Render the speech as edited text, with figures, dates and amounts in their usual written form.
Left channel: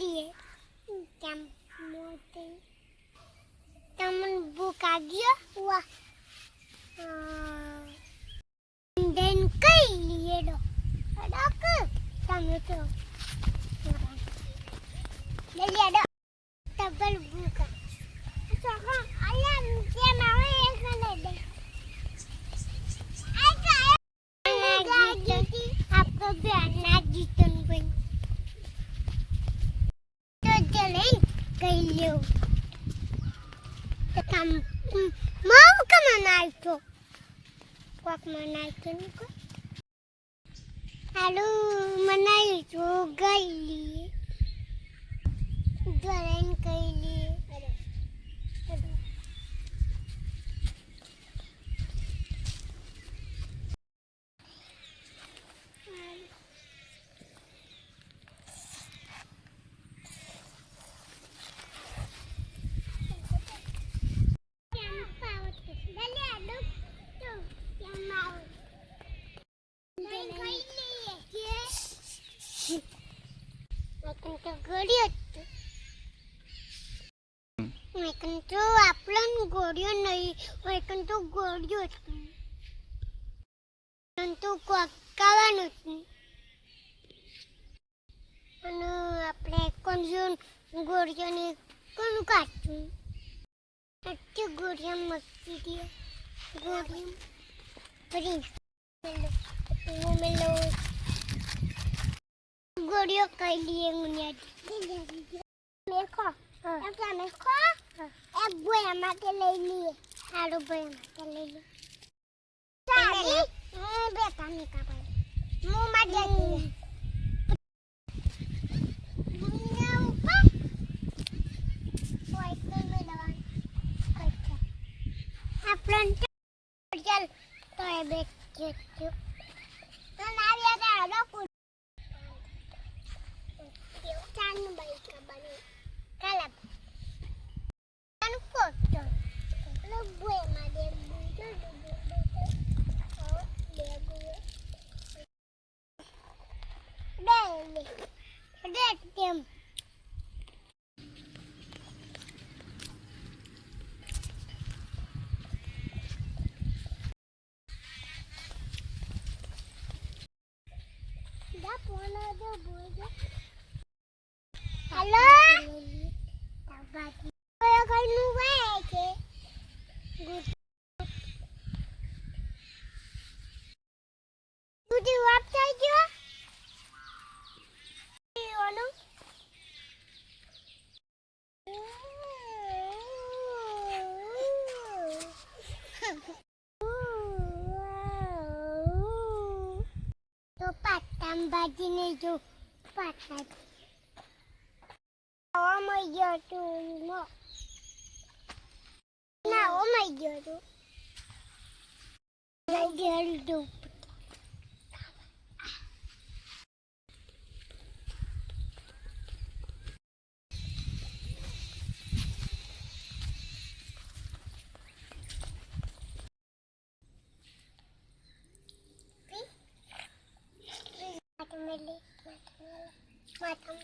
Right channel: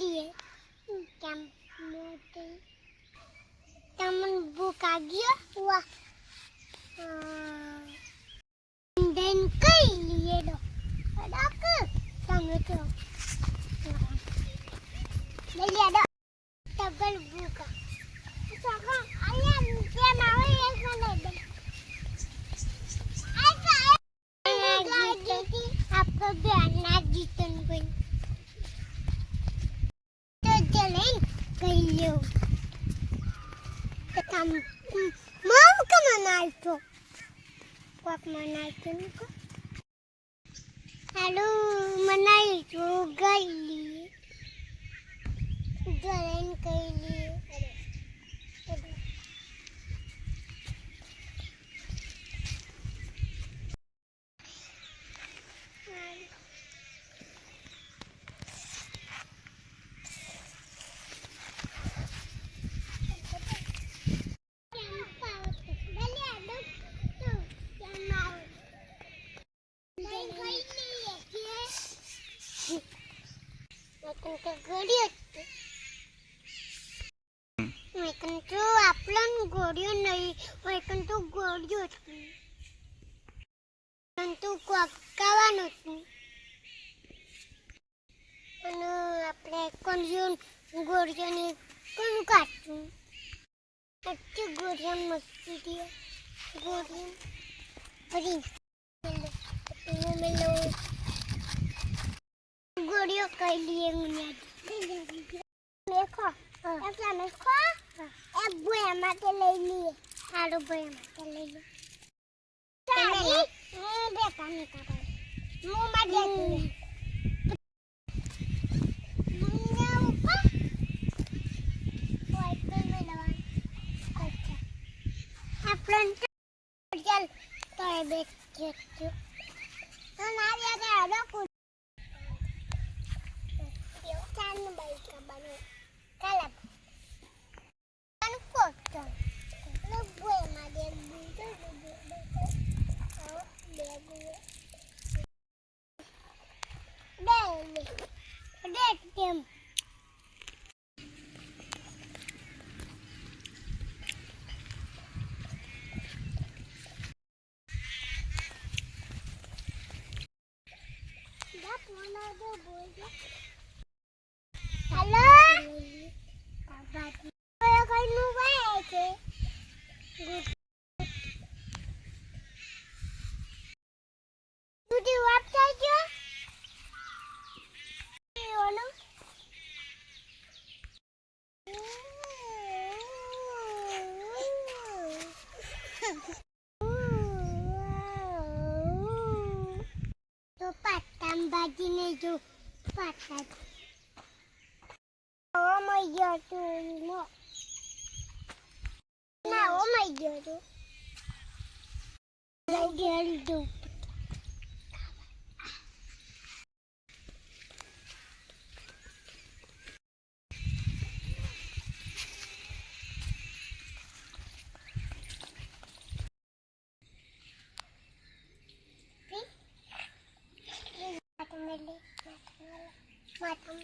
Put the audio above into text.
लिए કેમ મોટી તમને ભૂખ લાગી હુઆ દેન કઈ लिए દો અડક તમે તો લે લે દો ડબલ ભૂખ સગા આયા કે માવે એક લે દે आपको बयाना जीतन कोई तो चले कहियो तो हम माँ का मनाई तो पाप मनाई तो उनको हेलो मनाई तो गई जलन कही तो आपलन गोड़ियों नहीं लेकिन तो गोड़ियों तो कावान અને આપણે કોણ ગોળિયાની કોણ કાઢું अच्छी गोड़ियां मस्ती दिए गोड़ियां बड़ी वो में लो गोड़ियों कर लिए मुझे देखो ऐसा देखो एक बोया माटे ले लिए सारो बोया माटे ले लिए सारी बेटा ने का पर मुंह में दे अपन चल तो ये बैठ के तो नारिया का रोकू चांद बाई का बने कलर अनको तो लो बुए मारे बुए ओ ले बुए देख देम हेलो तो पाटम बाजी ने जो पाटा oh my god no no oh my god do Matang